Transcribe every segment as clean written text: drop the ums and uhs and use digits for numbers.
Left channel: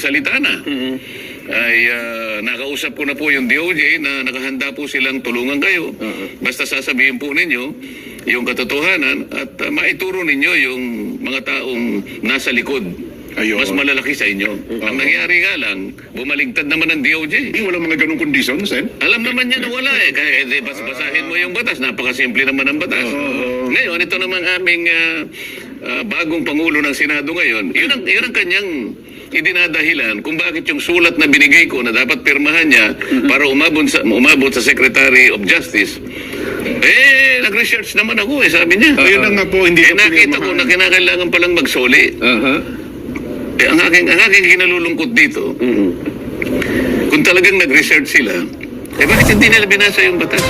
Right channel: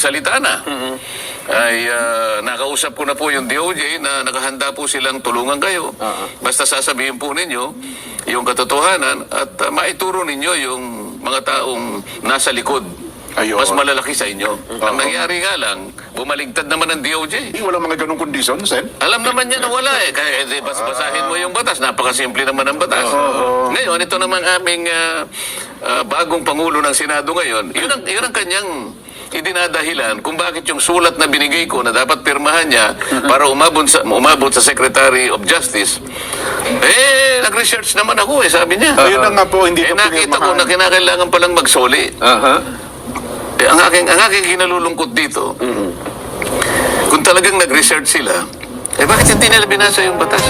magsalita na. Ay nakausap ko na po yung DOJ na nakahanda po silang tulungan kayo. Basta sasabihin po ninyo yung katotohanan at maituro ninyo yung mga taong nasa likod. Mas malalaki sa inyo. Ang nangyari nga lang, bumaligtad naman ang DOJ. Walang mga ganong kondisyon, Sen? Alam naman niya na wala eh. Kaya basahin mo yung batas. Napakasimple naman ang batas. Ngayon, ito namang aming bagong Pangulo ng Senado ngayon. Yun ang kanyang idinadahilan kung bakit yung sulat na binigay ko na dapat pirmahan niya para umabot sa Secretary of Justice. Nag-research naman ako sabi niya. Ayun na nga po, hindi nakita ko na kinakailangan palang magsoli. Ang aking kinalulungkot dito, kung talagang nag-research sila, bakit hindi nila binasa yung batas?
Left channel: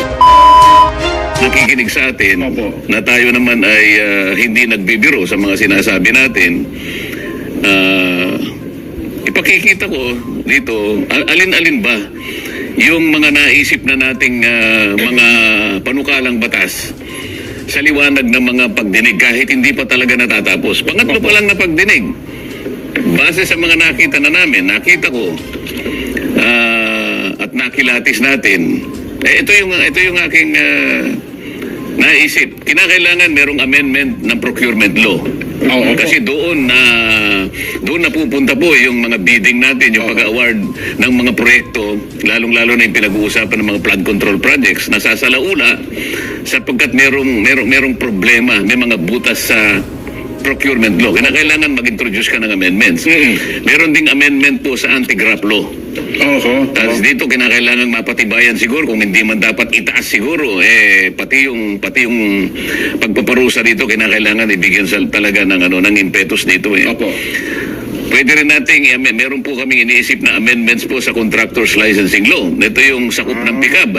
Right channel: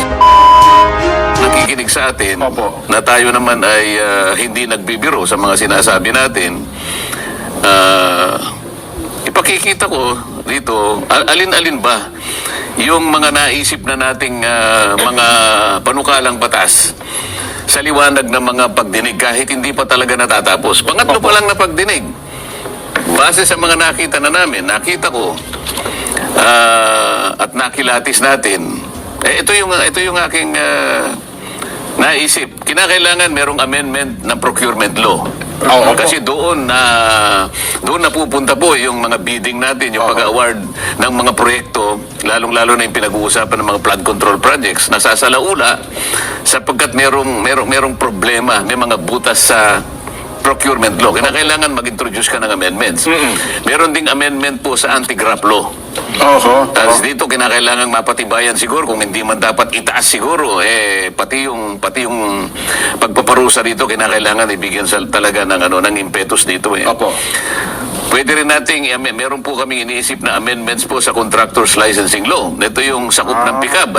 Nakikinig sa atin na tayo naman ay hindi nagbibiro sa mga sinasabi natin. Ipakikita ko dito, alin-alin ba yung mga naisip na nating mga panukalang batas sa liwanag ng mga pagdinig kahit hindi pa talaga natatapos. Pangatlo pa lang na pagdinig. Base sa mga nakita na namin, nakita ko at nakilatis natin. Ito yung aking naisip. Kinakailangan merong amendment ng procurement law. Kasi doon napupunta po yung mga bidding natin, yung pag-award ng mga proyekto, lalong-lalo na yung pinag-uusapan ng mga flood control projects. Nasasalaula sapagkat merong problema, may mga butas sa procurement law. Kailangan mag-introduce ka ng amendments. Meron ding amendment po sa anti-graft law. Dito kinakailangan mapatibayan siguro, kung hindi man dapat itaas siguro, pati yung pagpaparusa dito kinakailangan ibigyan talaga ng impetus dito. Pwede rin nating, meron po kami iniisip na amendments po sa contractors licensing law. Ito yung sakop ng PICAB.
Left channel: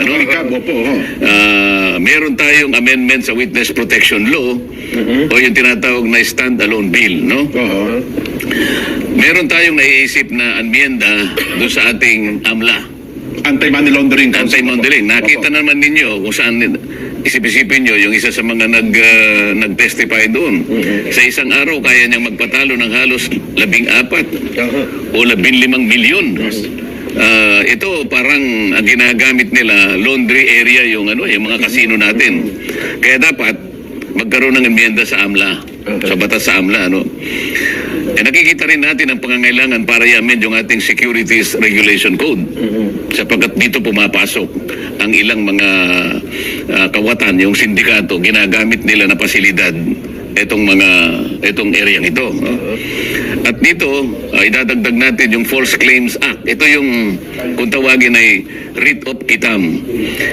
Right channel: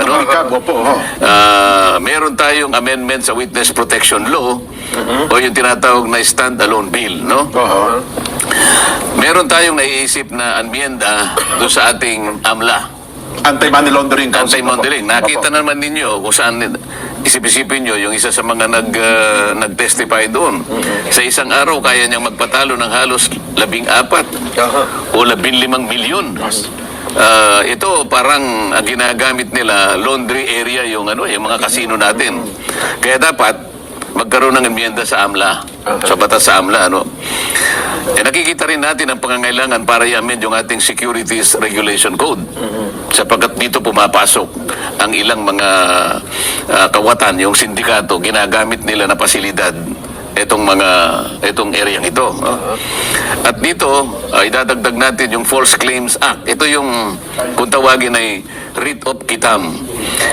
Meron tayong amendment sa witness protection law o yung tinatawag na stand-alone bill. Meron tayong naiisip na amyenda doon sa ating AMLA. Anti-money laundering. Anti-laundering. Nakita naman ninyo kung saan isip-isipin nyo, yung isa sa mga nag-testify doon. Sa isang araw, kaya niyang magpatalo ng halos 14 o 15 milyon. Ito parang ang ginagamit nila, laundry area yung mga kasino natin. Kaya dapat magkaroon ng amyenda sa AMLA, sa batas sa AMLA. Nakikita rin natin ang pangangailangan para i-amend yung ating Securities Regulation Code. Sapagkat dito pumapasok ang ilang mga kawatan, yung sindikato, ginagamit nila na pasilidad itong areang ito. At dito, idadagdag natin yung False Claims Act. Ito yung, kung tawagin ay writ of quitam.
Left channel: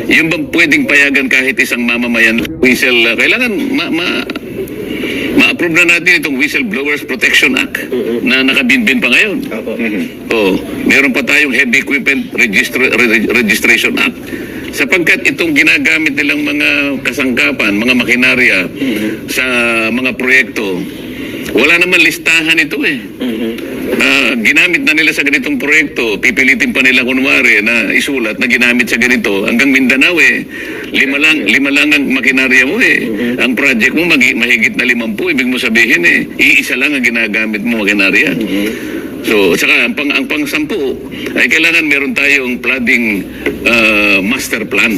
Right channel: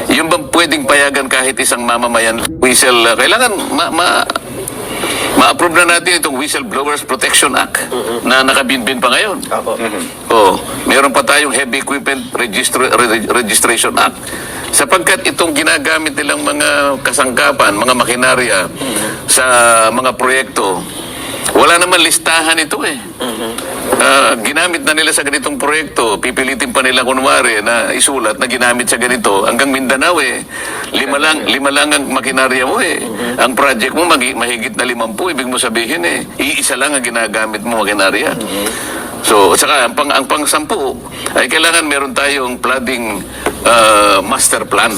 Yung bang pwedeng payagan kahit isang mamamayan kailangan ma-approve na natin itong Whistleblowers Protection Act na nakabinbin pa ngayon. Meron pa tayong Heavy Equipment Registration Act. Sapagkat itong ginagamit nilang mga kasangkapan, mga makinarya sa mga proyekto, wala naman listahan ito ginamit na nila sa ganitong proyekto, pipilitin pa nila kunwari na isulat na ginamit sa ganito. Hanggang Mindanao lima lang ang makinarya mo Ang project mo mahigit na 50, ibig mo sabihin iisa lang ang ginagamit mo makinarya. So, saka ang pang-10 ay kailangan meron tayong flooding master plan.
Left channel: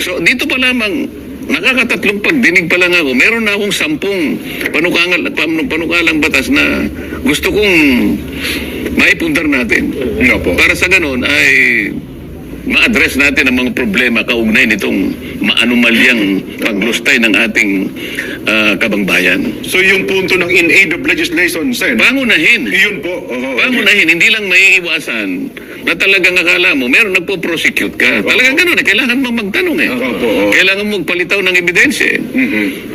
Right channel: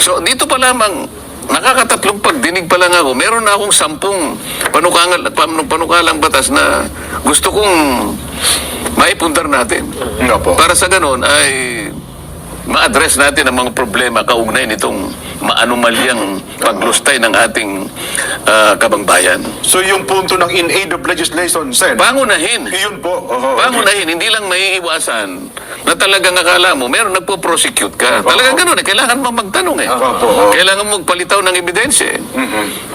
So, dito pa lamang nakakatatlong pagdinig pa lang ako. Meron na akong 10 panukalang batas na gusto kong maipundar natin. Para sa ganon ay ma-address natin ang mga problema kaugnay nitong maanumalyang paglustay ng ating kabangbayan. So yung punto ng in aid of legislation, Sen? Pangunahin. Yun po. Pangunahin. Hindi lang maiiwasan na talagang akala mo, meron nagpo-prosecute ka. Talagang gano'n kailangan mo magtanong Kailangan mo magpalitaw ng ebidensya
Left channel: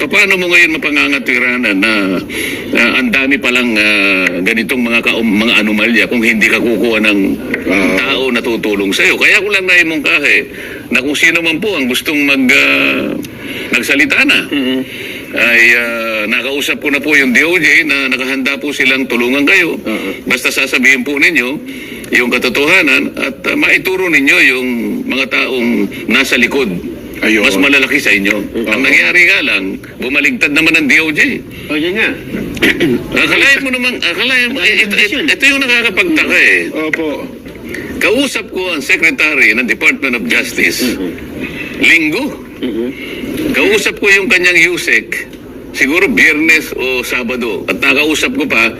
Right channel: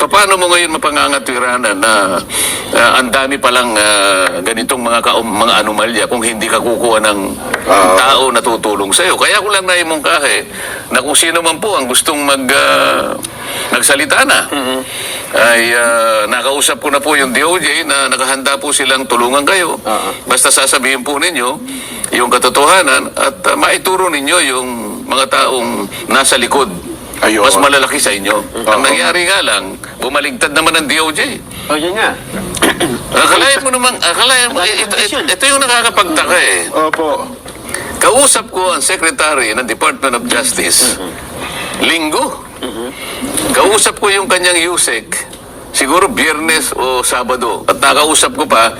Paano mo ngayon mapangangatwiranan na ang dami palang ganitong mga anomalya kung hindi ka kukuha ng tao na tutulong sa'yo. Kaya ko lang naimungkahe na kung sino man po ang gustong nagsalita na, ay nakausap ko na po yung DOJ na nakahanda po silang tulungan kayo. Basta sasabihin po ninyo yung katotohanan at maituro ninyo yung mga taong nasa likod. Mas malalaki sa inyo. Ang nangyari nga lang, bumaligtad naman ang DOJ. Yun nga. Akalain mo naman, ito yung nakakapagtaka eh. Opo. Kausap ko ang Secretary ng Department of Justice, Linggo. Kausap ko yung kanyang Yusek, siguro Biyernes o Sabado. At nakausap ko pa,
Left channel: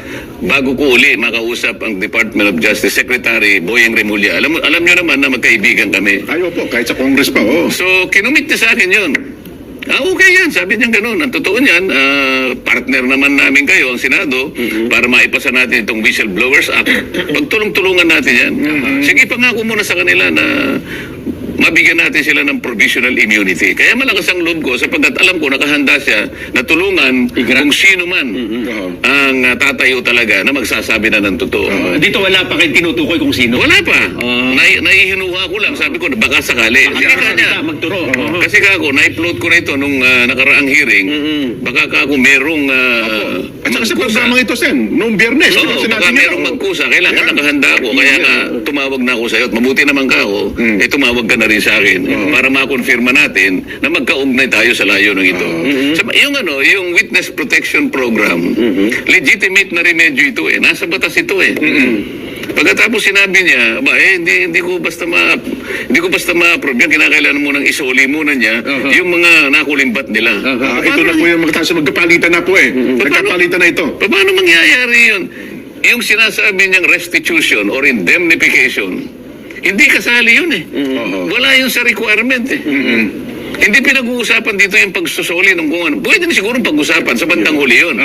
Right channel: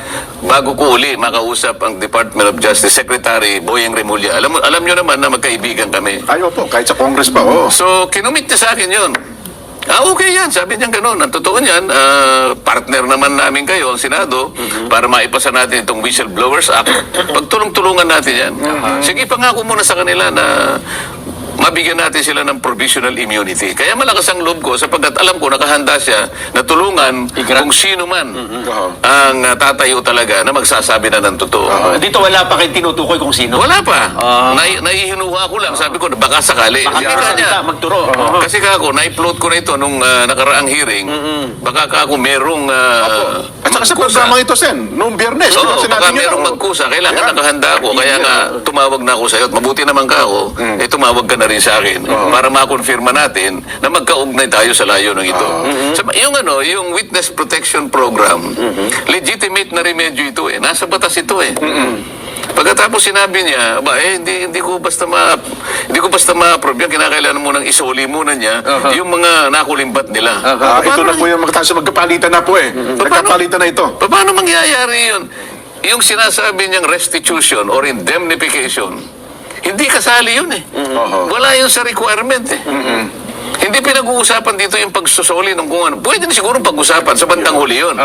bago ko uli makausap ang Department of Justice Secretary Boyeng Remulla. Alam nyo naman na magkaibigan kami. Ay, opo, kahit sa Congress pa, oo. So, kinumit niya sa akin yun. Okay yan, sabi niya gano'n. Ang totoo niyan, partner naman namin kayo, ang Senado, para maipasa natin itong Whistleblowers Act. Pagtulong-tulungan natin yan. Sige, pangako muna sa kanila na mabigyan natin sila ng provisional immunity. Kaya malakas ang loob ko sapagkat alam ko nakahanda siya na tulungan kung sino man ang tatayo talaga na magsasabi na ng totoo. Dito wala pa kayo tinutukoy kung sino. Wala pa. Naihinuha ko lang. Sabi ko, baka sakali. Baka Kasi kanya, magturo. kasi kako, na-upload ko na ito nung nakaraang hearing. Baka kako merong At saka sa magkusa. programang ito, Sen, noong Biyernes, Oo, sinabi baka niya, merong oo. magkusa. Kailangan nakahanda ako. Kaya nga, tumawag na ako sa'yo. At mabuti naman ka ako, tumawag ka na rin sa akin para makonfirma natin na magkaugnay tayo sa layo ng ito. Yung Witness Protection Program, legitimate na remedyo ito eh. Nasa batas ito eh. Pagkatapos sinabi niya, hindi ko basta ma-approve yan. Kinakailangan mo nang isoli muna niya yung mga nakulimbat nila. Ito na po yung magkapalitan na po eh. Nagkapalitan na ito. Paano mangyayari yun? Yung sinasabi niyang restitution or indemnification, hindi kasali yun eh. Wala yun sa requirement eh. Hindi pinag-uusapan dito yung pagsusuli ng kung ano. Pwede na siguro pag-usapan sa bandang huli yun.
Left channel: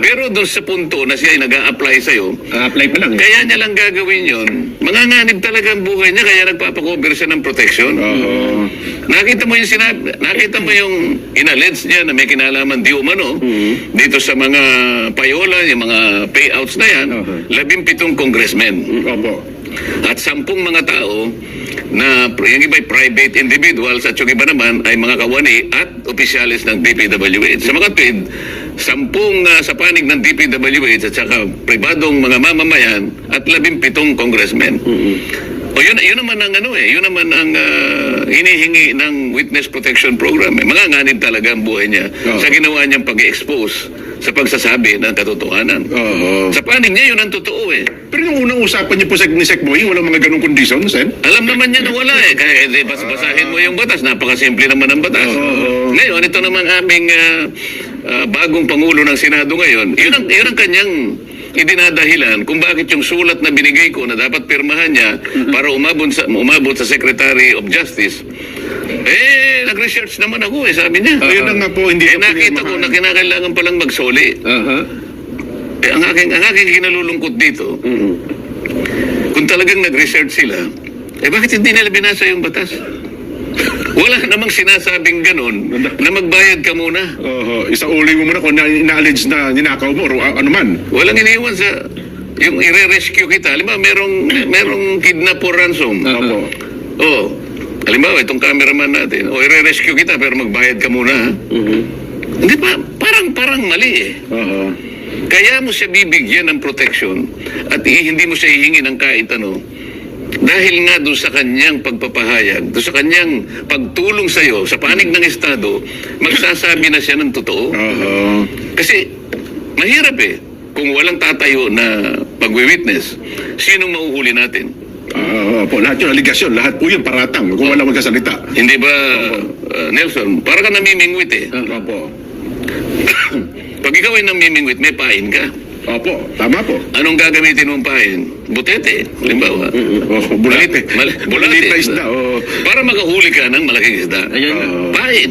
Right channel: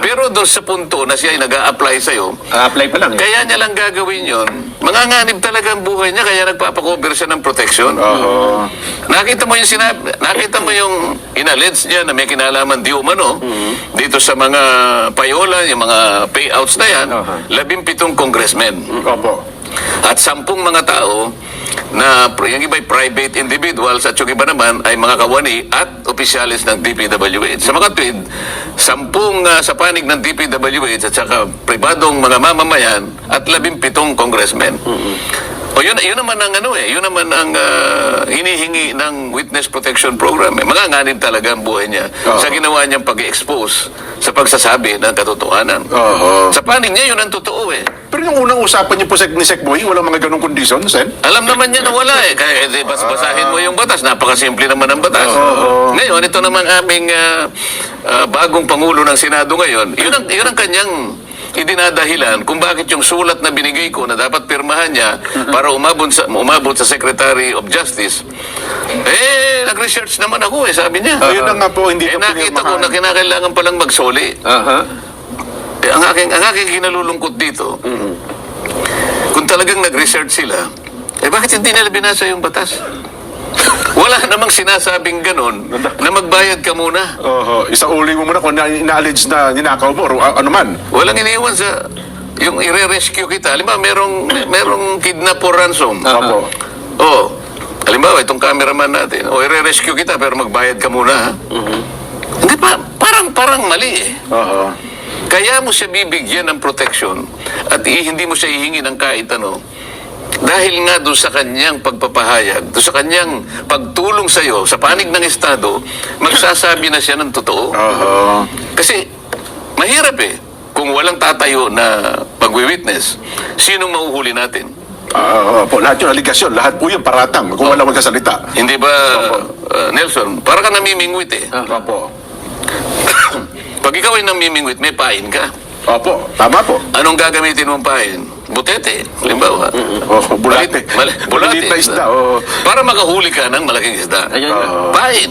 Pero doon sa punto na siya ay nag-a-apply sa'yo, Apply pa lang. kaya niya lang gagawin yun, manganganib talaga ang buhay niya, kaya nagpapakover siya ng protection. Nakita mo yung inallege niya na may kinalaman di umano dito sa mga payola, yung mga payouts na yan, 17 congressmen. Opo. At 10 mga tao na yung iba ay private individuals at yung iba naman ay mga kawani at opisyalis ng DPWH. Sa mga tweet, 10 sa panig ng DPWH at saka pribadong mga mamamayan at 17 congressmen. O yun naman ang yun naman ang hinihingi ng Witness Protection Program. Manganganib talaga ang buhay niya sa ginawa niyang pag-expose sa pagsasabi ng katotohanan. Sa panig niya, yun ang totoo eh. Pero yung unang usapan niyo po ni Sec Boy, walang mga ganong kondisyon, Sen? Alam naman niya na wala eh. Kaya basahin mo yung batas. Napakasimple naman ang batas. Ngayon, ito naman aming bagong Pangulo ng Senado ngayon. Yun ang kanyang idinadahilan kung bakit yung sulat na binigay ko na dapat pirmahan niya para umabot sa Secretary of Justice. Nag-research naman ako eh, sabi niya. Yun na nga po, hindi ito Nakita ko pinirmahan. na kinakailangan palang magsoli. Ang aking kinalulungkot dito, kung talagang nag-research sila, bakit hindi nila binasa yung batas? Wala namang sinasabing ganon na magbayad ka muna. Isauli mo muna kung ina-allege na ninakaw mo o ano man. Walang iniwan sa yung i-rescue kita. Halimbawa, merong kidnap or ransom. Opo. Halimbawa, itong cameraman natin, i-rescue kita pero magbayad ka muna. Ha? Hindi pa, parang mali eh. Kaya mo siya bibigyan ng protection at hindi mo siya hihingi ng kahit ano. Dahil nga doon sa kanyang pagpapahayag, doon sa kanyang pagtulong sa iyo, sa panig ng Estado, magsasabi na siya ng totoo. Kasi mahirap eh. Kung walang tatayo na pag-witness, sinong mahuhuli natin? Po, lahat yung aligasyon, lahat po yung paratang kung wala magkasalita. Hindi ba, Nelson? Para ka namimingwit eh. Opo. Pag ikaw ay namimingwit, may pain ka. Opo, tama po. Anong gagamitin mong pain? Butete, halimbawa. Bulate. Bulate. Maliit na isda. Para makahuli ka ng malaking isda. Ayun na. Pain.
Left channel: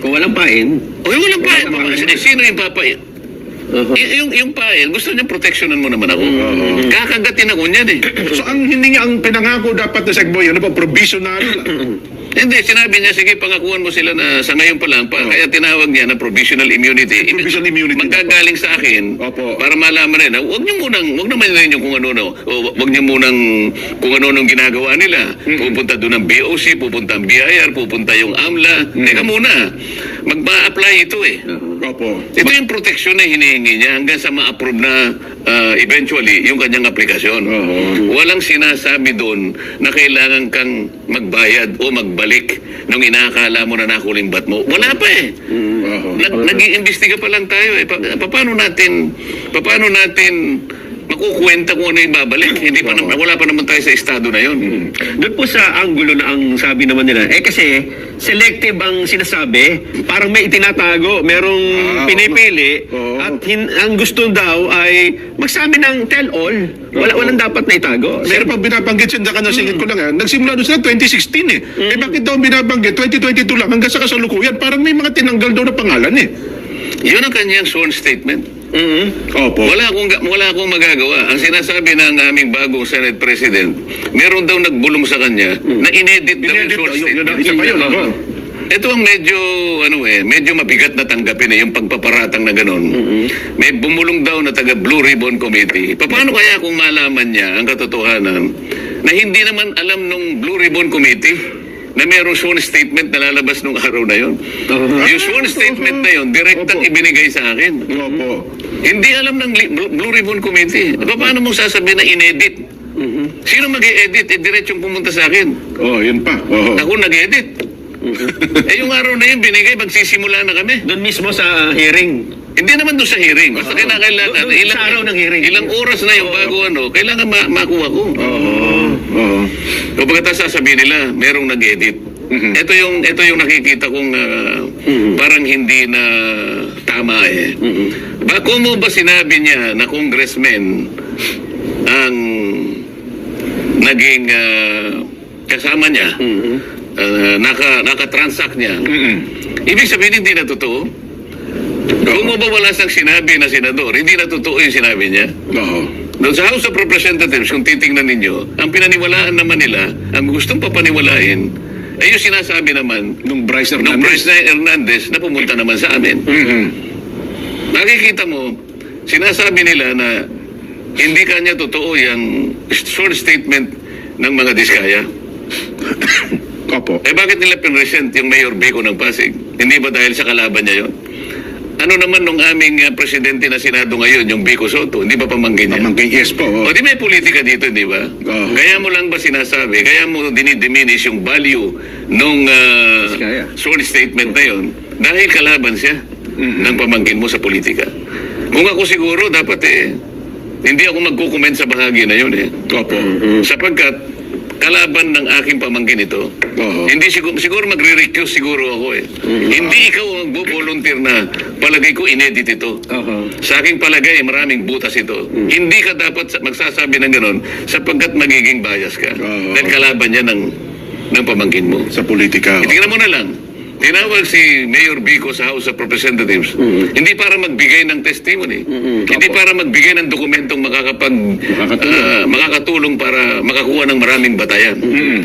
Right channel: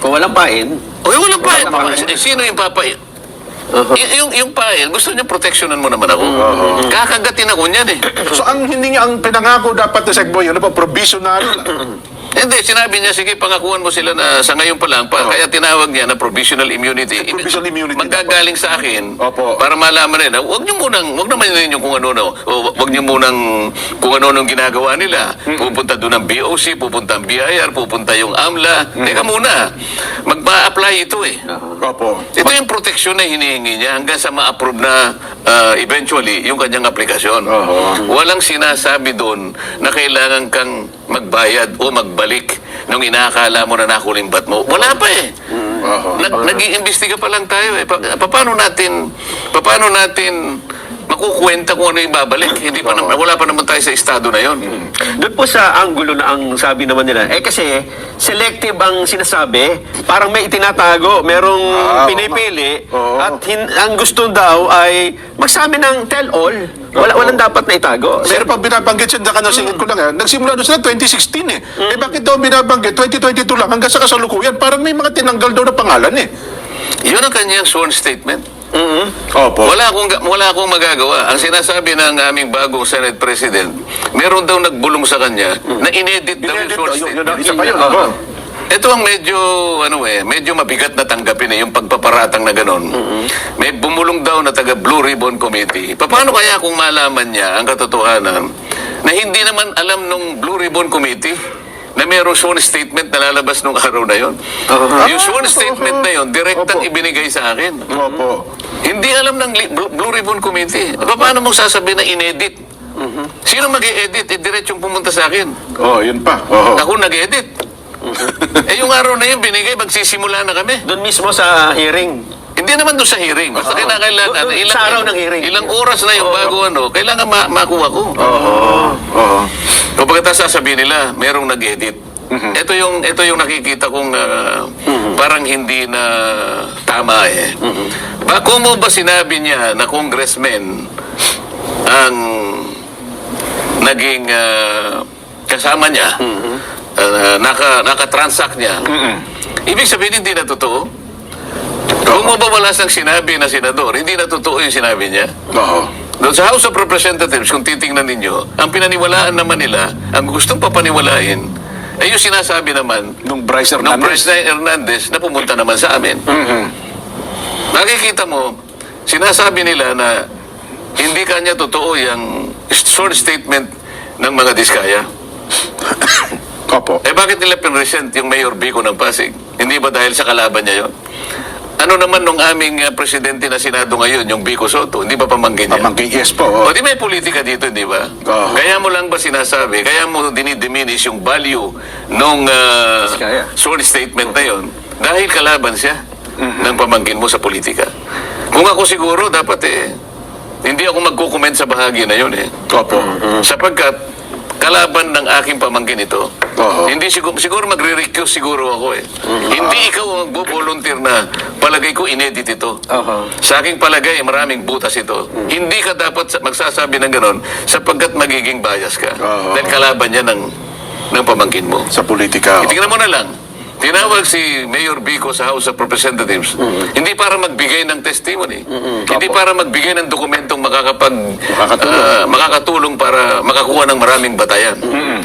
Kung walang pain, Walang pain. Walang pain. Sino yung papain? Yung pain, gusto niya proteksyonan mo naman ako. Kakagatin ako niyan eh. So ang hindi niya ang pinangako dapat na Sec Boy, ano po, provisional. Hindi, sinabi niya, sige, pangakuan mo sila na sa ngayon pa lang, kaya tinawag niya na provisional immunity. Provisional immunity. Manggagaling sa akin, Opo. para malaman nila, wag naman ninyo kung ano, wag niyo munang kung ano nung ginagawa nila. Pupunta doon ang BOC, pupunta ang BIR, pupunta yung AMLA. Teka muna, magpa-apply ito eh. Opo. Ito yung proteksyon na hinihingi niya hanggang sa ma-approve na eventually yung kanyang aplikasyon. Walang sinasabi doon na kailangan kang magbayad o magbalik nung inaakala mo na nakulimbat mo. Wala pa eh. Nag-iimbestiga pa lang tayo eh. Paano natin makukwenta kung ano yung babalik? Hindi pa naman, wala pa naman tayo sa estado na yon. Doon po sa anggulo na ang sabi naman nila, kasi selective ang sinasabi, parang may itinatago, merong pinipili, Oo. at ang gusto daw ay magsabi ng tell-all. Walang dapat na itago. Pero pag binabanggit siya, singit ko lang nagsimula doon sila 2016 eh. Eh bakit daw binabanggit? 2022 lang, hanggang sa kasalukuyan, parang may mga tinanggal daw na pangalan eh. Yun ang kanyang sworn statement. Opo. Wala akong magagawa. Ang sinasabi ng aming bagong Senate President, meron daw nagbulong sa kanya na inedit daw yung short statement. Isa pa yun, opo. Ito ang medyo mabigat na tanggapin yung pagpaparatang na ganun. May bumulong daw na taga Blue Ribbon Committee. Paano kaya kung malaman niya ang katotohanan na hindi naman alam nung Blue Ribbon Committee na mayroong sworn statement na lalabas nung araw na yon. Yung sworn statement na yon, direktang ibinigay sa akin. Opo. Hindi alam ng Blue Ribbon Committee. Paano mong sasabihin na inedit? Sino mag-e-edit? Diretsong pumunta sa akin. Yun pa. Oo. Ako nag-edit. Yung araw na yun, binigay, magsisimula na kami. Doon mismo sa hearing. Hindi naman doon sa hearing. Basta kinakailangan. Doon sa araw ng hearing. Ilang oras na yung bago kailangan makuha ko. Oo. O pagkatapos sasabihin nila, merong nag-edit. Ito yung nakikita kong parang hindi na tama eh. Kung mo ba sinabi niya na congressman ang naging kasama niya, naka-transact niya, ibig sabihin hindi na totoo? Kung mo ba wala siyang sinabi na senador, hindi na totoo yung sinabi niya? Oo. Doon sa House of Representatives, kung titingnan ninyo, ang pinaniwalaan naman nila, ang gustong papaniwalain, ay yung sinasabi naman Nung Bryce ng Hernandez. Bryce Hernandez na pumunta naman sa amin. Nakikita mo, sinasabi nila na hindi kanya totoo yung sworn statement ng mga diskaya. Opo. Bakit nila pinresent yung Mayor Bico ng Pasig? Hindi ba dahil sa kalaban niya yun? Ano naman nung aming presidente na Senado ngayon, yung Bico Soto, hindi ba pamangkin niya? Pamangkin, yes po. O di may politika dito, di ba? Oo. Kaya mo lang ba sinasabi, kaya mo dinidiminish yung value nung Diskaya. sworn statement na yun dahil kalaban siya ng pamangkin mo sa politika. Kung ako siguro, dapat hindi ako magkukomment sa bahagi na yun Opo. Sapagkat kalaban ng aking pamangkin ito. Oo. Hindi siguro magre-recuse siguro ako Hindi ikaw ang magbo-volunteer na palagay ko inedit ito. Sa aking palagay, maraming butas ito. Hindi ka dapat magsasabi ng ganon sapagkat magiging bias ka. Oo. Dahil kalaban niya ng pamangkin mo. Sa politika. Tingnan mo na lang. Tinawag si Mayor Bico sa House of Representatives. Hindi para magbigay ng testimony. Hindi para magbigay ng dokumentong makakatulong para makakuha ng maraming batayan.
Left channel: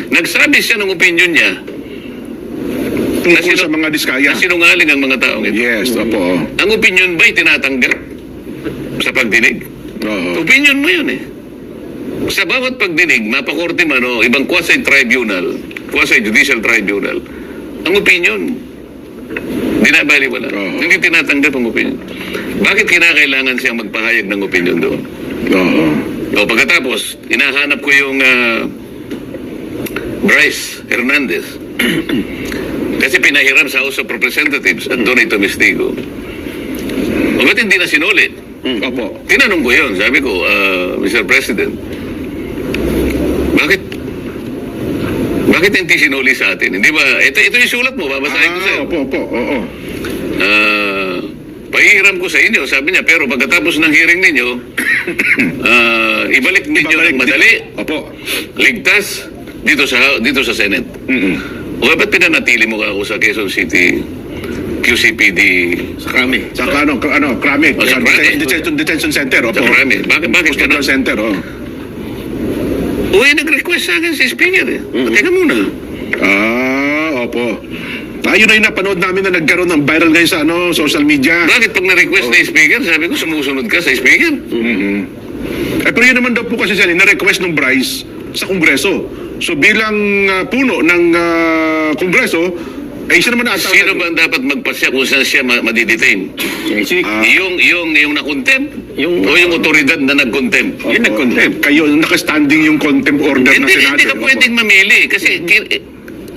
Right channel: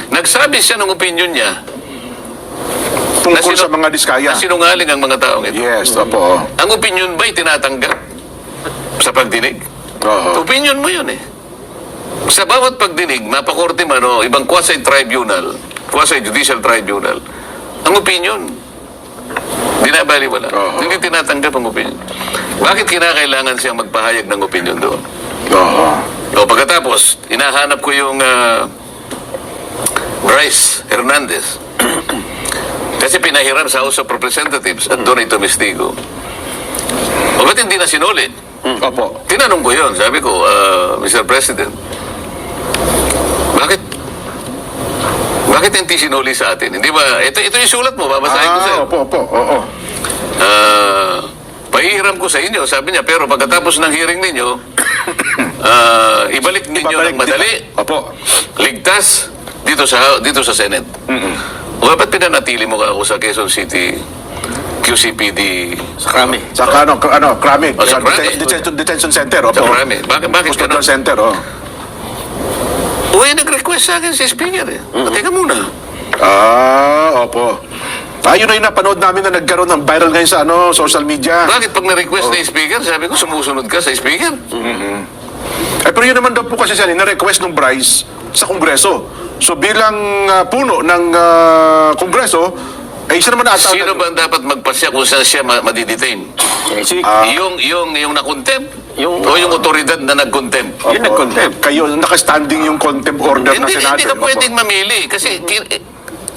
Nagsabi siya ng opinion niya Tungkol sa mga diskaya. na sinungaling ang mga taong ito. Yes, opo. Ang opinion ba'y tinatanggap sa pagdinig? Oo. Opinion mo yun Sa bawat pagdinig, mapakorte man o ibang quasi-tribunal, quasi-judicial tribunal, ang opinion, binabaliwala. Oo. Hindi tinatanggap ang opinion. Bakit kinakailangan siyang magpahayag ng opinion doon? Oo. O pagkatapos, hinahanap ko yung Bryce Hernandez. Kasi pinahiram sa House of Representatives at doon ito mistigo. O ba't hindi na sinulit? Opo. Tinanong ko yun, sabi ko, Mr. President, bakit hindi sinuli sa atin? Hindi ba, ito yung sulat mo, babasahin ko sa'yo. Opo. Oo. Pahihiram ko sa inyo, sabi niya, pero pagkatapos ng hearing ninyo, ibalik ninyo ng madali, Opo. ligtas, dito sa Senate. O ba't pinanatili mo ka ako sa Quezon City QCPD? Sa Krami. Sa Krami. O, sa Krami. Detention Center. Opo. Sa Krami. Bakit ka Hospital Center. nag-request sa akin si Speaker Teka muna. Opo. Ayun na yung napanood namin na nagkaroon ng viral ngayon sa social media. Bakit pag na-request na yung Speaker, sabi ko sumusunod ka sa Speaker? Pero yun naman daw po kasi siya, na-request ng Bryce sa Kongreso. So bilang puno ng Kongreso, siya naman ata. Sino ba ang dapat magpasya kung saan siya madidetain? Yung na-contempt? O yung otoridad na nag-contempt? Yung nag-contempt. Kayo, nakastanding yung contempt order ng Hindi Senado. ka pwedeng mamili kasi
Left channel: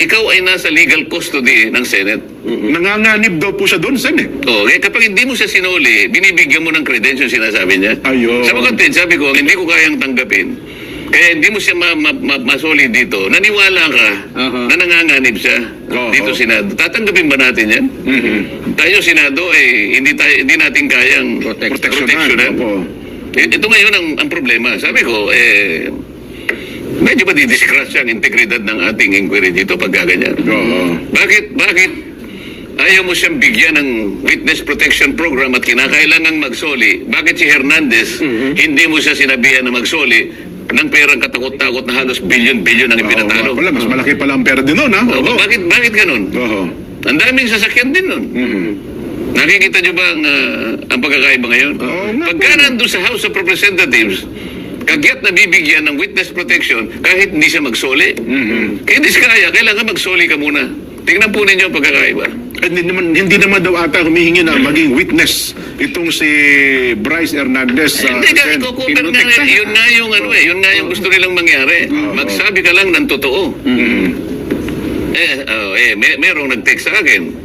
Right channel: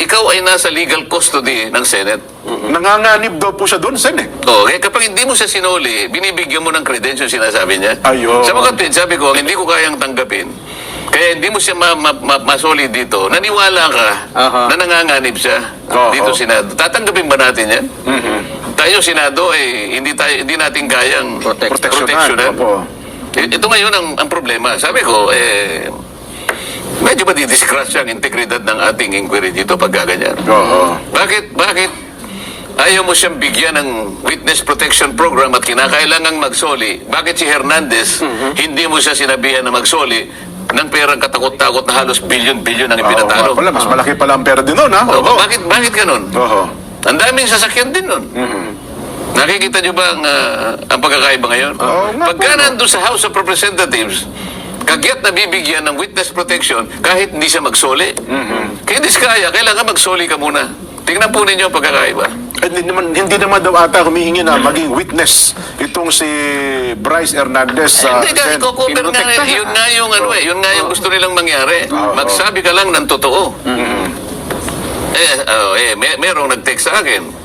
ikaw ay nasa legal custody ng Senate. Nanganganib daw po siya doon, Sen, eh. Kapag hindi mo siya sinuli, binibigyan mo ng credential, sinasabi niya. Ayun. Sa mga tweet, sabi ko, hindi ko kayang tanggapin. Kaya hindi mo siya masuli dito. Naniwala ka na nanganganib siya dito Senado. Tatanggapin ba natin yan? Tayo Senado, hindi natin kayang proteksyonan. Opo. Ito ngayon ang problema. Sabi ko, medyo madidiscrash ang integridad ng ating inquiry dito pag gaganyan. Oo. Bakit ayaw mo siyang bigyan ng witness protection program at kinakailangang magsoli? Bakit si Hernandez, hindi mo siya sinabihan na magsoli ng perang katakot-takot na halos bilyon-bilyon ang ipinatalo? Pala, mas malaki pala ang pera din nun, ha? Oo. Bakit ganun? Oo. Ang daming sasakyan din nun. Nakikita niyo ba ang pagkakaiba ngayon? Oo nga Pagka po. nandun sa House of Representatives, kagyat na bibigyan ng witness protection kahit hindi siya magsoli. Kaya Diskaya, kailangan magsoli ka muna. Tingnan po ninyo ang pagkakaiba. Hindi naman daw ata humihingi na maging witness itong si Bryce Hernandez. Hindi ka, Sen. iko-cover nga, yun nga yung yun nga yung gusto nilang mangyari. Magsabi ka lang ng totoo. Merong nag-text sa akin.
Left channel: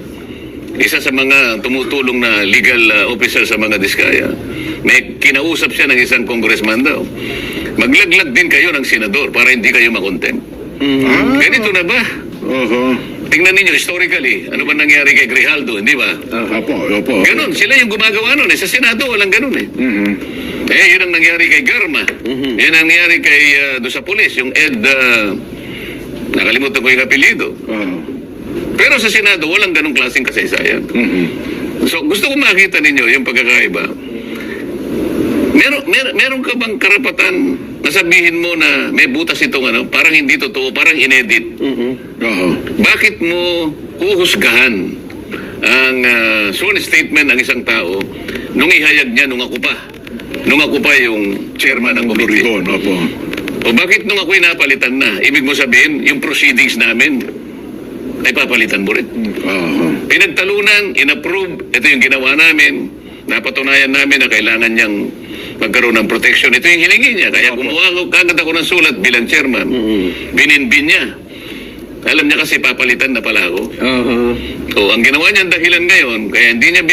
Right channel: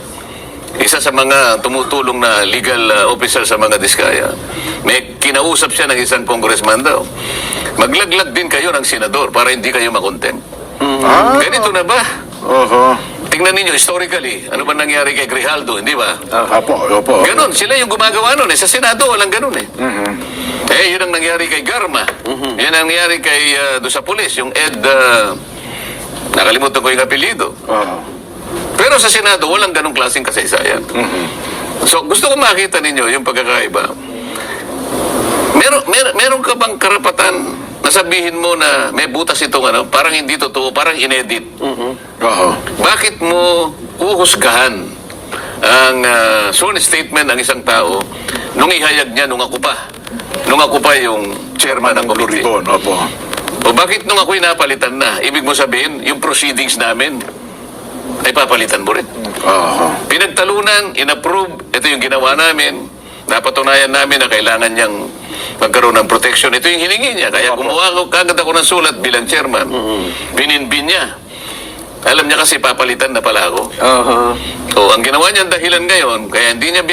Isa sa mga tumutulong na legal officer sa mga Diskaya. May kinausap siya ng isang congressman daw. Maglaglag din kayo ng senador para hindi kayo makontempt. Ganito na ba? Oho. Tingnan ninyo, historically, ano ba nangyari kay Grijaldo, hindi ba? Opo. Ganon, sila yung gumagawa nun. Sa Senado, walang ganon eh. Yun ang nangyari kay Garma. Yun ang nangyari kay, doon sa pulis, yung Ed, nakalimutan ko yung apelido. Oo. Pero sa Senado, walang ganong klaseng kasaysayan. So, gusto ko makita ninyo yung pagkakaiba. Meron ka bang karapatan na sabihin mo na may butas itong parang hindi totoo, parang inedit? Oo. Bakit mo uhusgahan ang sworn statement ng isang tao nung ihayag niya nung ako pa yung chairman ng committee? Ribon, opo. O bakit nung ako'y napalitan na? Ibig mo sabihin, yung proceedings namin ay papalitan mo rin. Oo. Pinagtalunan, inapprove, ito yung ginawa namin, napatunayan namin na kailangan niyang magkaroon ng protection. Ito yung hiningi niya. Kaya gumawa kagad ako ng sulat bilang chairman. Bininbin niya. Alam niya kasi papalitan na pala ako. So, ang ginawa niya dahilan ngayon, kaya hindi niya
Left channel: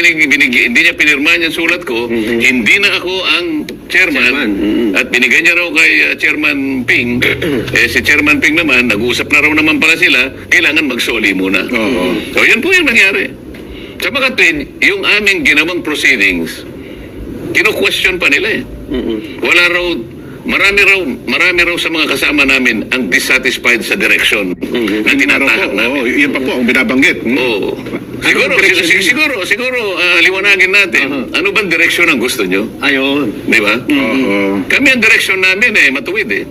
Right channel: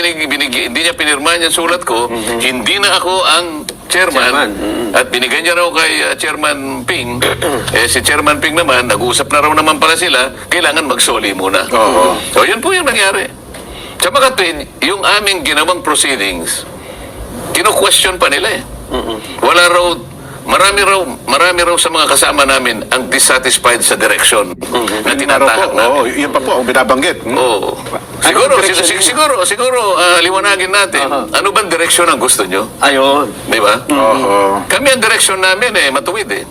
pinirma niya sulat ko, hindi na ako ang chairman. At binigyan niya raw kay Chairman Ping. Si Chairman Ping naman, nag-uusap na raw naman pala sila, kailangan magsoli muna. Oo. So, yun po yung nangyari. Sa mga twin, yung aming ginawang proceedings, kino-question pa nila eh. Wala raw, marami raw sa mga kasama namin ang dissatisfied sa direction na tinatahak namin. Oo, yun pa po ang binabanggit. Oo. Siguro, liwanagin natin. Ano bang direksyon ang gusto nyo? Ayun. Di ba? Oo. Kami ang direksyon namin matuwid eh.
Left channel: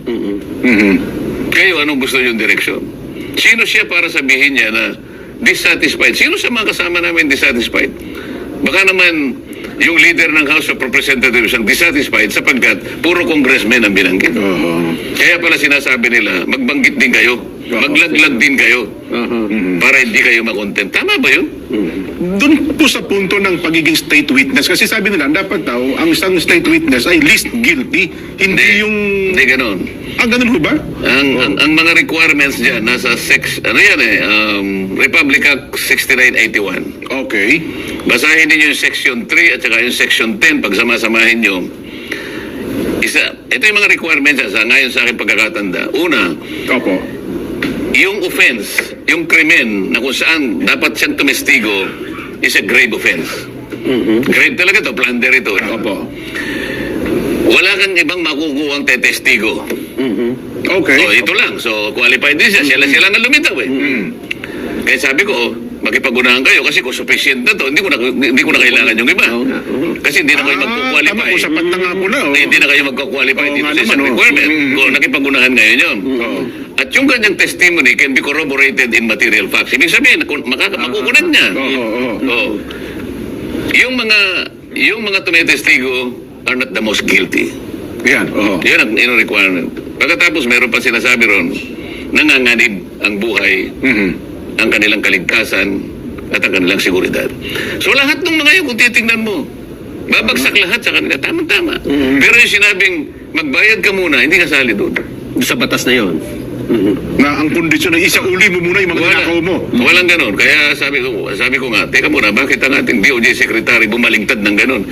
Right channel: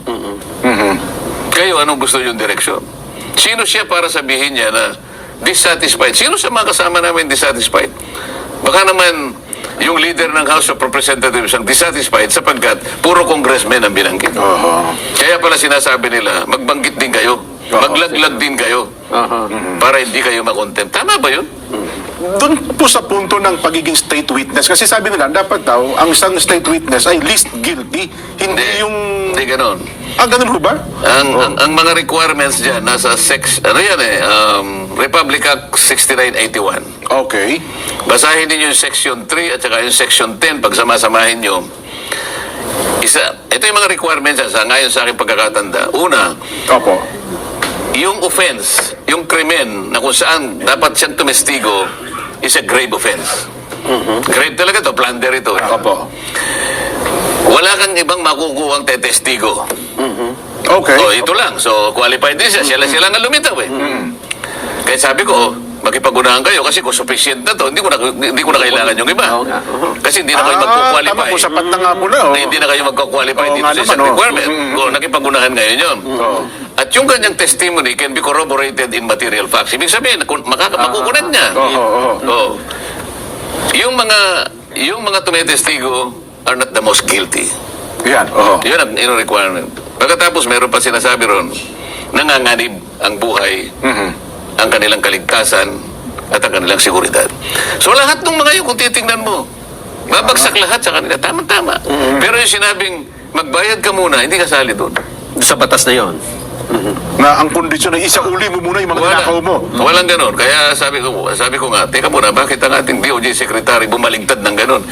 Kayo, anong gusto nyo direksyon? Sino siya para sabihin niya na dissatisfied? Sino sa mga kasama namin dissatisfied? Baka naman yung leader ng House of Representatives ang dissatisfied sapagkat puro congressmen ang binanggit. Oo. Kaya pala sinasabi nila, magbanggit din kayo. Maglaglag din kayo. Para hindi kayo makontempt. Tama ba yun? Doon po sa punto ng pagiging state witness, kasi sabi nila, dapat daw, ang isang state witness ay least guilty. Hindi yung... Hindi ganon. Ganun ho ba? Ang mga requirements dyan, nasa Republic Act 6981. Okay. Basahin ninyo yung Section 3 at saka yung Section 10 pag sama-samahin nyo. Ito yung mga requirements ngayon sa aking pagkakatanda. Una, Opo. yung offense, yung krimen na kung saan dapat siyang tumestigo is a grave offense. Grave talaga to, plunder ito. Opo. Wala kang ibang makukuhang tetestigo. Okay. Ito lang. So, qualified din siya. Sila nga lumitaw eh. Kaya sabi ko, makipag-unahan kayo kasi kung sufficient na to, hindi ko na kailangan yung iba. Kasi hindi na kayo magkukwalify. Tama po, sapat na nga po na. Hindi na kayo magkukwalify Oo dito nga sa naman, isang oh. requirement. Kung nakipag-unahan ngayon yun. Oo. At yung kanyang testimony can be corroborated in material facts. Ibig sabihin, makukunan niya. Oo. Yung mga tumitestigo are not the most guilty. Yan, oo. Yun ang requirement. Pagkatapos, meron pa sinasabi ron, nanganganib ang buhay, ang kanilang kaligtasan, at ang kanilang seguridad. So lahat ng mga yun, kung titingnan mo, babagsak lahat sa kanila. Tama-tama. Pero yung sinabing, magbayad ka muna, hindi kasali doon. Sa batas na yon. Na ang kondisyon ay isauli mo muna yung mga nakaw mo. Walang ganun. Kaya sabi ko nga, teka muna, bakit ang ating DOJ Secretary bumalingtad ng ganun?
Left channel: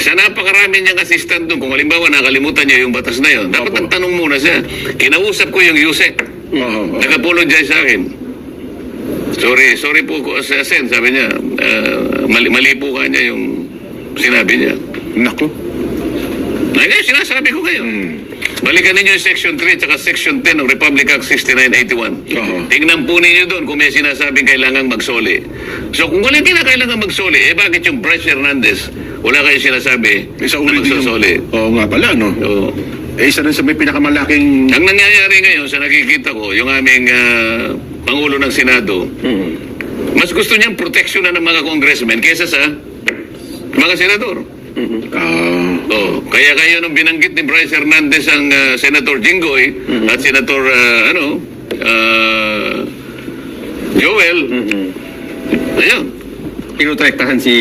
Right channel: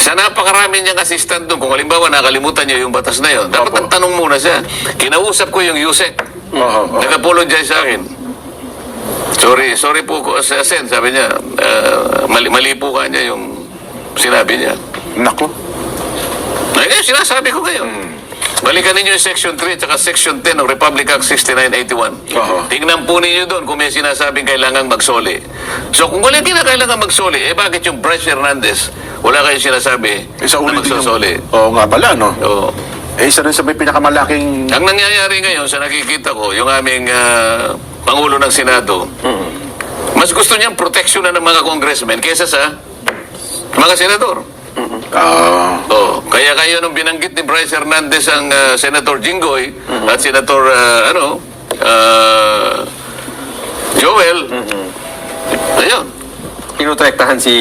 Sa napakarami niyang assistant doon, kung halimbawa nakalimutan niya yung batas na yun, dapat ang tanong muna siya. Kinausap ko yung USEC. Nag-apologize sa akin. Sorry po sa Sen, sabi niya, mali po ka niya yung sinabi niya. Nako. Ay, ngayon, sinasabi ko ngayon. Balikan ninyo yung Section 3 at Section 10 ng Republic Act 6981. Tingnan po ninyo doon kung may sinasabing kailangang magsoli. So kung hindi na kailangan magsoli, bakit yung Bryce Hernandez, wala kayong sinasabi na magsasoli? Oo nga pala, no? Oo. Isa rin sa may pinakamalaking... Ang nangyayari ngayon sa nakikita ko, yung aming Pangulo ng Senado, mas gusto niyang proteksyonan ng mga congressmen kaysa sa mga senador. Kaya kayo nung binanggit ni Bryce Hernandez ang Senator Jinggoy at Senator Joel, ayun. Pinutektahan si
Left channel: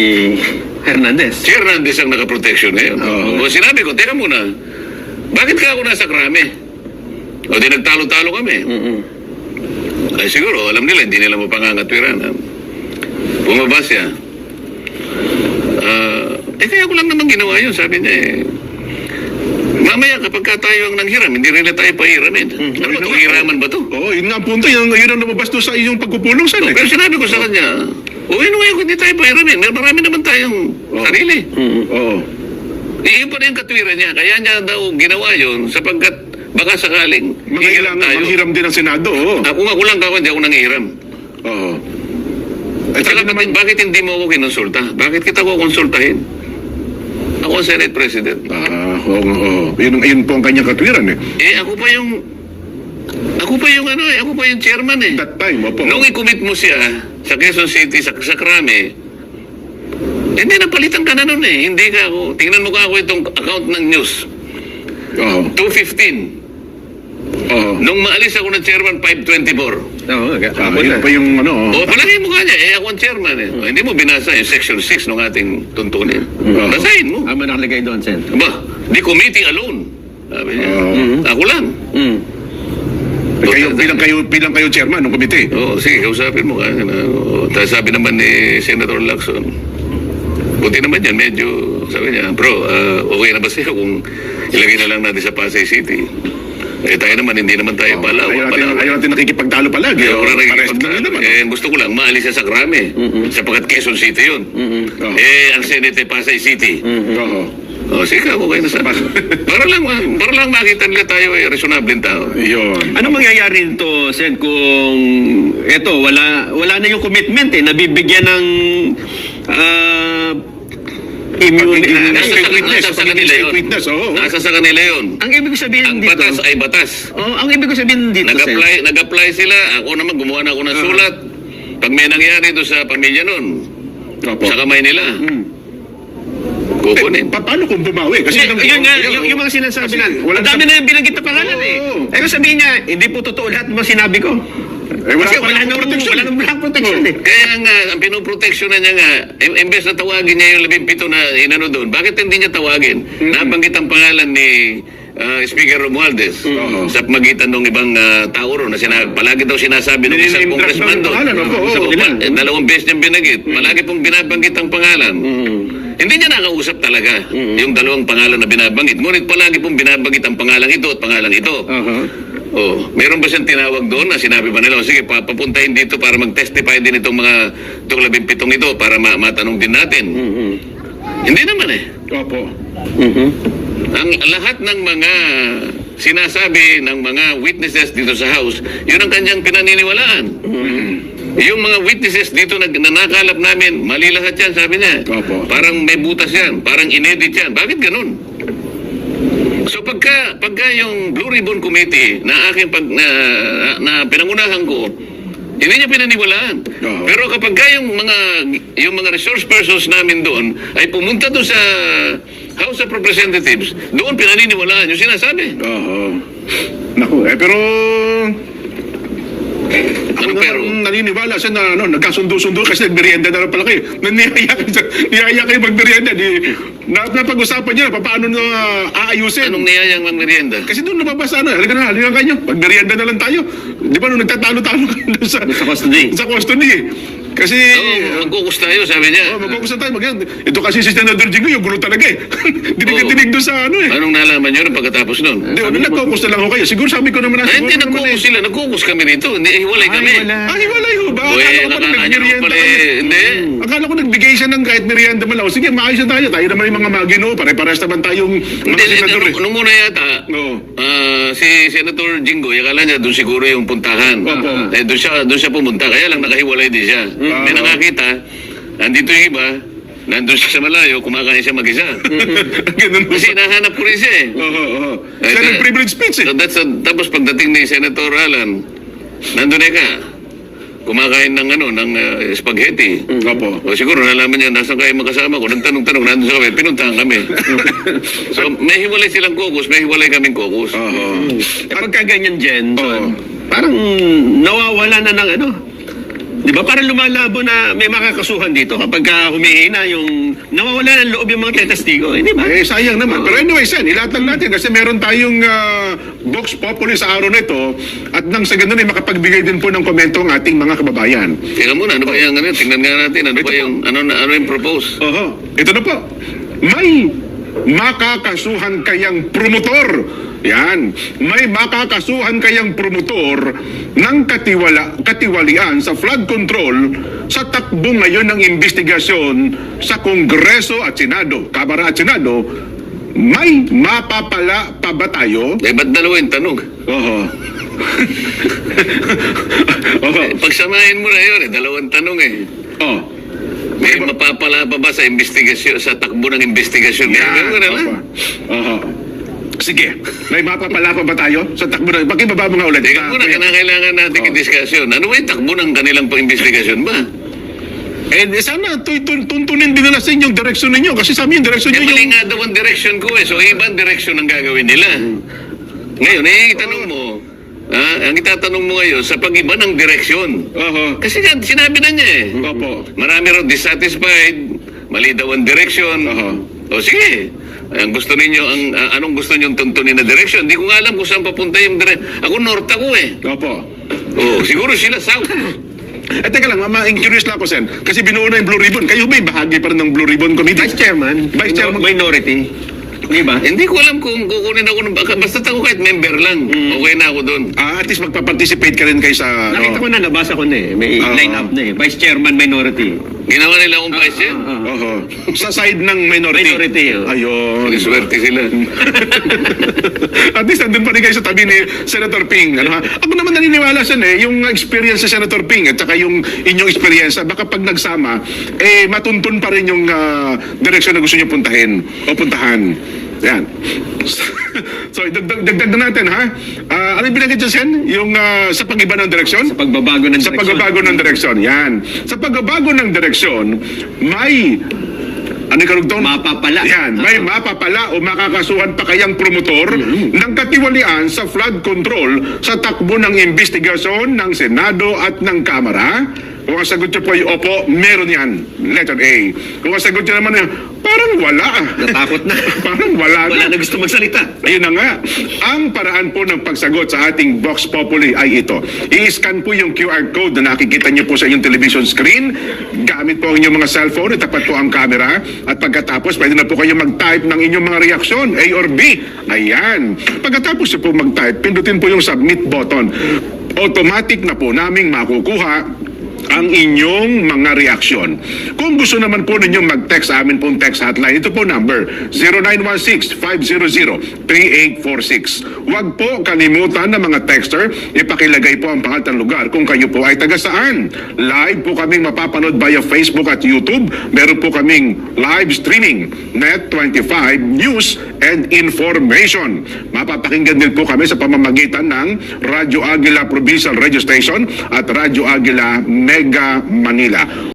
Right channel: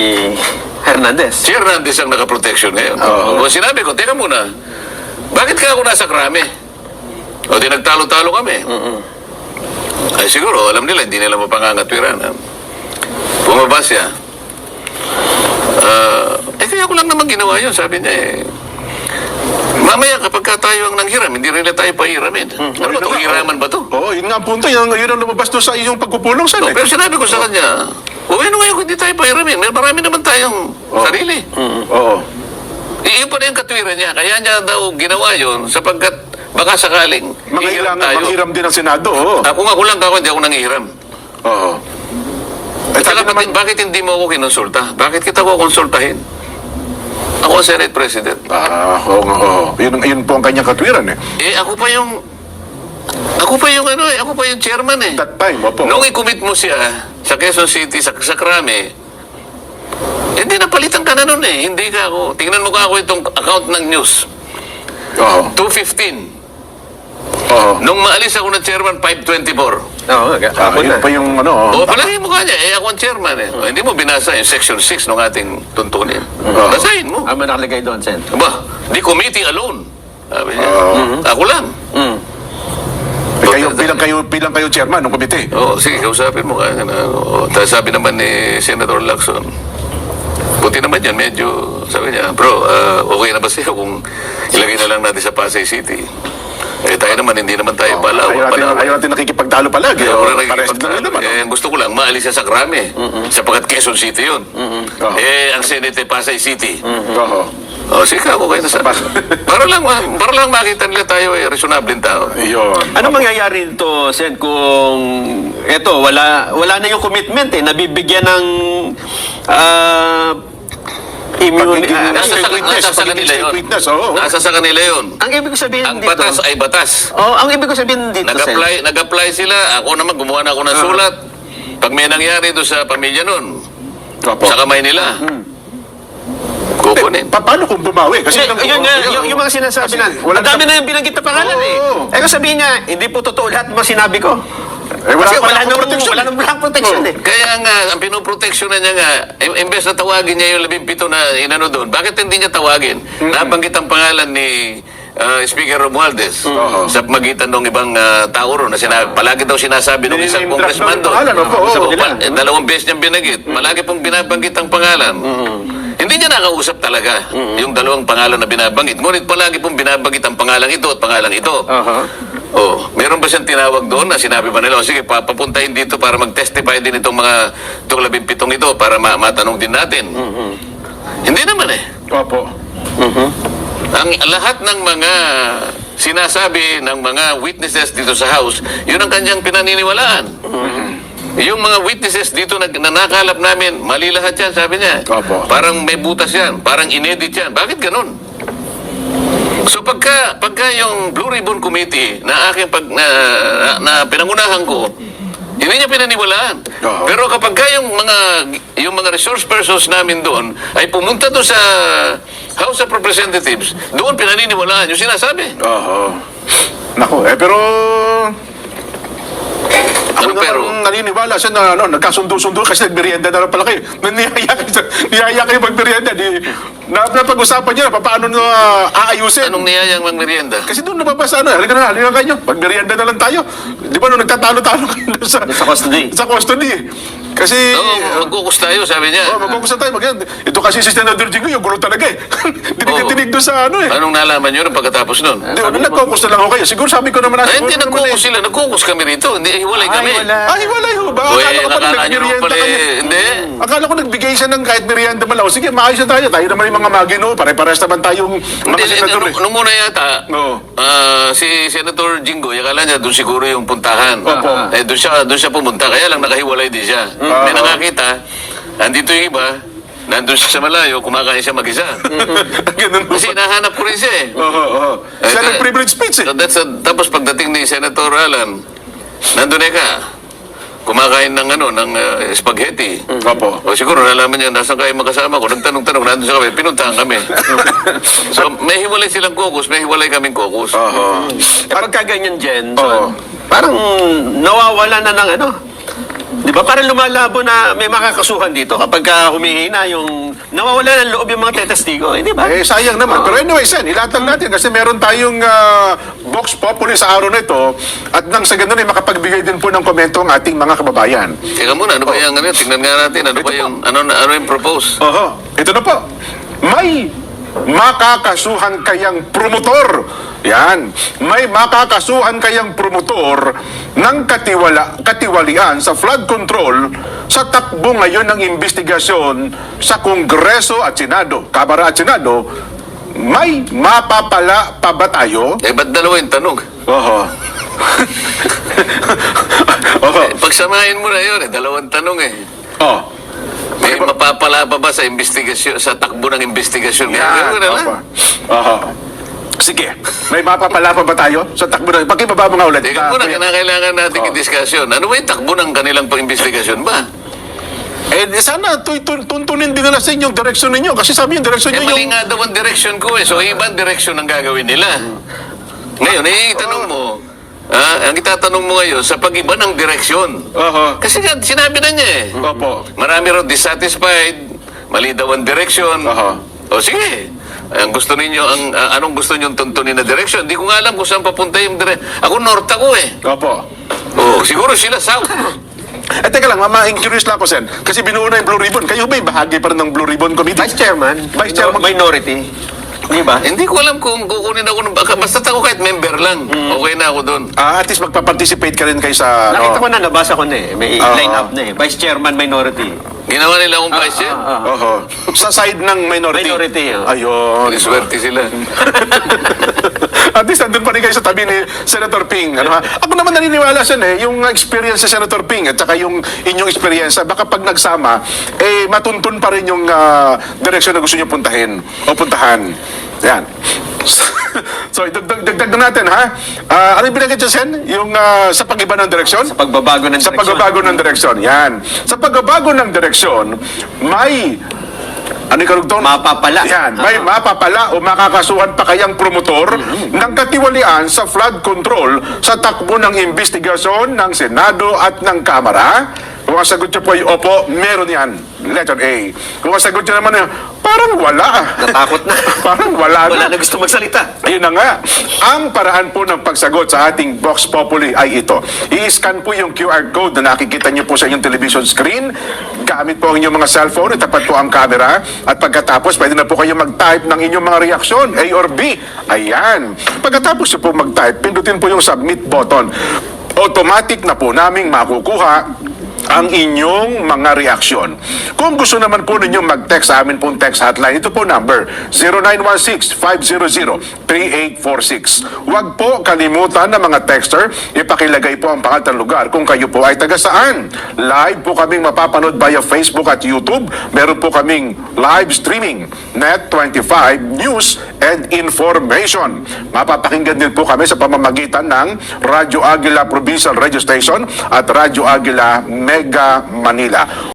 Hernandez. Si Hernandez ang nakaproteksyon ngayon. O sinabi ko, teka muna, bakit ka ako nasa krami? O di nagtalo-talo kami. Ay siguro, alam nila, hindi nila mapangangatwiran. Bumaba siya. Kaya ko lang naman ginawa yun, sabi niya eh. Mamaya kapag ka tayo ang nanghiram, hindi rin na tayo pahiramin. Ano ba ito? Hiraman ba ito? Oo, yun nga ang punto. Yun ang lumabas doon sa iyong pagpupulong, Sen. Pero sinabi ko sa kanya, uwi na ngayon kung hindi tayo pahiramin. Marami naman tayong sarili. Oo. Iyon pa rin yung katwiran niya. Kaya niya daw ginawa yun sapagkat baka sakaling hihiram tayo. Manghiram din ang Senado, oo. Kung ako lang ako, hindi ako nanghiram. Oo. Saka bakit hindi mo ako kinonsulta? Bakit kita ko konsultahin? Ako ang Senate President. Oo. Yun po ang kanyang katwiran, eh. Ako pa yung chairman eh. That time, opo. Nung i-commit mo siya sa Quezon City, sa Krame, hindi napalitan ka na nun eh. Hindi ka ako. Tingnan mo ka ako itong account ng news. Oo. 215. Oo. Nung maalis ako ng chairman, 524. Yun pa yung ano. Palagi mo ka niya, ako ang chairman eh. Hindi mo binasa yung section 6 ng ating tuntunin. Basahin mo. Ano nakalagay doon, Sen? Ba, the committee alone. Sabi niya. Ako lang. Bilang kayo chairman ng komite. Sige, kausapin mo ka. Tapos sabi naman ni Senator Lacson, buti naman yan, medyo, sabi niya, bro, okay na ba sa'yo kung ilagay na lang natin sa Pasay City? Tayo naman, hindi naman tayo Ayaw natin nakikipagtalo palagi. Gusto ko lang, maalis siya sa Krame. Sapagkat Quezon City yun. Ang Senate ay Pasay City. Sige, ako kayo na sabi. para lang makita nila tayo ay reasonable tao. Ano mangyayari nito, Sen, kung eto, wala na yung commitment eh, nabibigyan ng Nasa sa kanila yun. Nasa sa kanila yun. Ang ibig sabihin Ang dito, batas ay batas. ang ibig sabihin dito, Sen, Nag-apply sila. Ako naman, gumawa na ako ng sulat. Pag may nangyari doon sa pamilya nun, sa kamay nila, kukunin. Paano kung bumawi? Kasi yung mga sinasabi na, ang dami na yung binanggit na pangalan eh. Sabihin niya, hindi po totoo lahat ng mga sinabi ko. Wala nang protection eh. Kaya nga, ang pinoproteksyon na niya nga, imbes na tawagin niya yung 17 na inano doon, bakit hindi niya tawagin? Nabanggit ang pangalan ni Speaker Romualdez sa magitan ng ibang tao ron na palagi daw sinasabi ng isang congressman doon. Dalawang beses niyang binanggit. Palagi pong binabanggit ang pangalan. Hindi niya nakausap talaga yung dalawang pangalan na binabanggit. Ngunit palagi pong binabanggit ang pangalan ito at pangalan ito. Meron ba siyang tinawag doon na sinabi ba nila, sige, papuntahin dito para mag-testify din itong 17 ito para matanong din natin. Hindi naman eh. Opo. Ang lahat ng mga sinasabi ng mga witnesses dito sa House, yun ang kanyang pinaniniwalaan. Yung mga witnesses dito na nakalap namin, mali lahat yan, sabi niya. Parang may butas yan, parang inedit yan. Bakit ganun? So pagka yung Blue Ribbon Committee na aking na pinangunahan ko, hindi niya pinaniwalaan. Pero kapag yung mga resource persons namin doon ay pumunta doon sa House of Representatives, doon pinaniniwalaan yung sinasabi. Naku, pero Ako Ano, pero- naman naniniwala siya na nagkasundo-sundo kasi nagmerienda na lang pala kayo. Niyaya kayo magmerienda. Napag-usapan niya na paano na aayusin. Anong niyayang magmerienda? Kasi doon nababasa halika na kayo. Magmerienda na lang tayo. Di ba nung nagtatalo-talo kayo doon sa custody. Sa custody. Kasi... Oo, magkukus tayo, sabi niya. magkukusan tayo. Ito kasi si Senador Jingo, yung gulo talaga eh. Dinig doon sa ano eh. Anong nalaman nyo nung pagkatapos nun? Di ba, nagkukus na lang ako kayo. Siguro sabi ko naman. Ay, hindi nagkukus sila. Nagkukus kami rito. Hindi, hiwalay kami. Ay, wala yun. Ba? Uy, Akala ko pala akala nyo naman nagmerienda pala kayo. eh. Hindi. Akala ko nagbigay siya ng kahit merienda man lang. O, sige, maayos na tayo. Tayo naman yung mga magino. Pare-pares naman tayong mga Hindi, senador. nung una yata, Oo. si Senator Jingo, akala niya doon siguro yung puntahan. Opo. Doon siya pumunta, kaya lang nakahiwalay din siya. May nakakita, andito yung iba, nandun siya sa malayo, kumakain siya mag-isa. Ganun po. Kasi nahanap ko rin siya eh. Oo. Siya nag-privilege speech eh. So tapos pagdating ni Senator Alan, nandun ka, kumakain ng spaghetti. Opo. O siguro nalaman niya, nasa kayo magkasama ko, nagtanong-tanong, nandun sa kami, pinuntahan kami. So may hiwalay silang caucus, may hiwalay kaming caucus. Oo. Kapag ka ganyan, Jen, Oo. parang nawawala na ng ano. Di ba? Parang lumalabo na may makakasuhan dito kapag humihina yung nawawala ng loob yung mga tetestigo. Di ba? Eh, sayang naman. Pero anyway, Sen, ilatag natin kasi meron tayong Vox Populi sa araw na ito at nang sa ganun ay makapagbigay din po ng komento ang ating mga kababayan. Teka muna, ano ba yung tingnan nga natin, ano yung propose? Oho. Ito na po. May makakasuhan kayang promotor. Yan. May makakasuhan kayang promotor ng katiwalian sa flood control sa takbo ngayon ng investigasyon sa Kongreso at Senado, Kamara at Senado. May mapapala pa ba tayo? Eh, ba't dalawa yung tanong? Oho. Oho. Pagsamahin mo na yun, dalawang tanong eh. Oh. May mapapala pa ba sa investigasyon, sa takbo ng investigasyon? Yan. Ganun na lang. Oho. Sige. May mapapala pa ba tayo sa takbo ng... Pakibaba mo nga ulit. Teka muna, kailangan natin Oh. i-discussion. Ano ba yung takbo ng kanilang pang-investigasyon ba? Eh, sana tuntunin din nila sa inyong direksyon ninyo. Kasi sa amin, yung direksyon Eh, ninyo mali yung... nga daw ang direction ko eh. So, ibang direction ang gagawin nila. Ngayon, itanong mo, ang itatanong mo ngayon, sa pag-iba ng direksyon. Oho. Kasi nga, sinabi na niya eh. Opo. Marami raw dissatisfied, mali daw ang direction. Aha. O sige, ang gusto ninyo, anong gusto niyo tuntunin na direction? Hindi ko nga alam kung saan papunta yung direction. Ako, north ako eh. Opo. O, siguro sila south. Teka lang, curious lang ako, Sen. Kasi binuo na yung Blue Ribbon. Kayo ba yung bahagi pa rin ng Blue Ribbon Committee? Vice Chairman. Vice Chairman. Minority. Di ba? Hindi ko alam kung kukunin ako ng baka. Basta ako kahit member lang. Okay na ako doon. At least magpa-participate ka rin kayo sa... Nakita ko na, nabasa ko na eh. May line up na eh. Vice Chairman, Minority. Ginawa nila akong vice chair. Oho. Sa side ng minority. Minority, Ayun. Swerte sila. At least nandun pa rin kayo sa tabi ni Senator Ping. Ano, ha? Ako naman naniniwala siya yung experience sa Senator Ping at saka yung inyong experience, baka pag nagsama, matuntun pa rin yung direksyon na gusto niyo puntahan. Yan. So, dagdag na natin, ha? Ano yung pinagkita dyan, Sen? Yung sa pag-iba ng direksyon? Sa pagbabago ng Sa direksyon. pagbabago ng direksyon, yan. Sa pagbabago ng direksyon, may... Ano yung karugtong? Mapapala. Yan. May mapapala o makakasuhan pa kayang promotor ng katiwalian sa flood control sa takbo ng investigasyon ng Senado at ng Kamara? Kung ang sagot niyo po ay opo, meron yan. Letter A. Kung ang sagot niyo naman ay parang wala. Natakot na. Parang wala Wala na gusto magsalita. Ayun na nga. Ang paraan po ng pagsagot sa ating Vox Populi ay ito. I-scan po yung QR code na nakikita niyo po sa inyong television screen. Gamit po ang inyong mga cellphone. Itapat po ang camera. At pagkatapos, pwede na po kayo mag-type ng inyong mga reaksyon, A or B. Ayan. Pagkatapos niyo po mag-type, pindutin po yung submit button. Automatic na po naming makukuha ang inyong mga reaksyon. Kung gusto naman po ninyong mag-text sa amin pong text hotline, ito po number 0916-500-3846. Huwag po kalimutan ng mga texter, ipakilagay po ang pangalan ng lugar kung kayo po ay taga saan. Live po kaming mapapanood via Facebook at YouTube. Meron po kaming live streaming, Net25 News and Information. Mapapakinggan din po kami sa pamamagitan ng Radyo Aguila Provincial Radio Station at Radyo Aguila Mega Manila.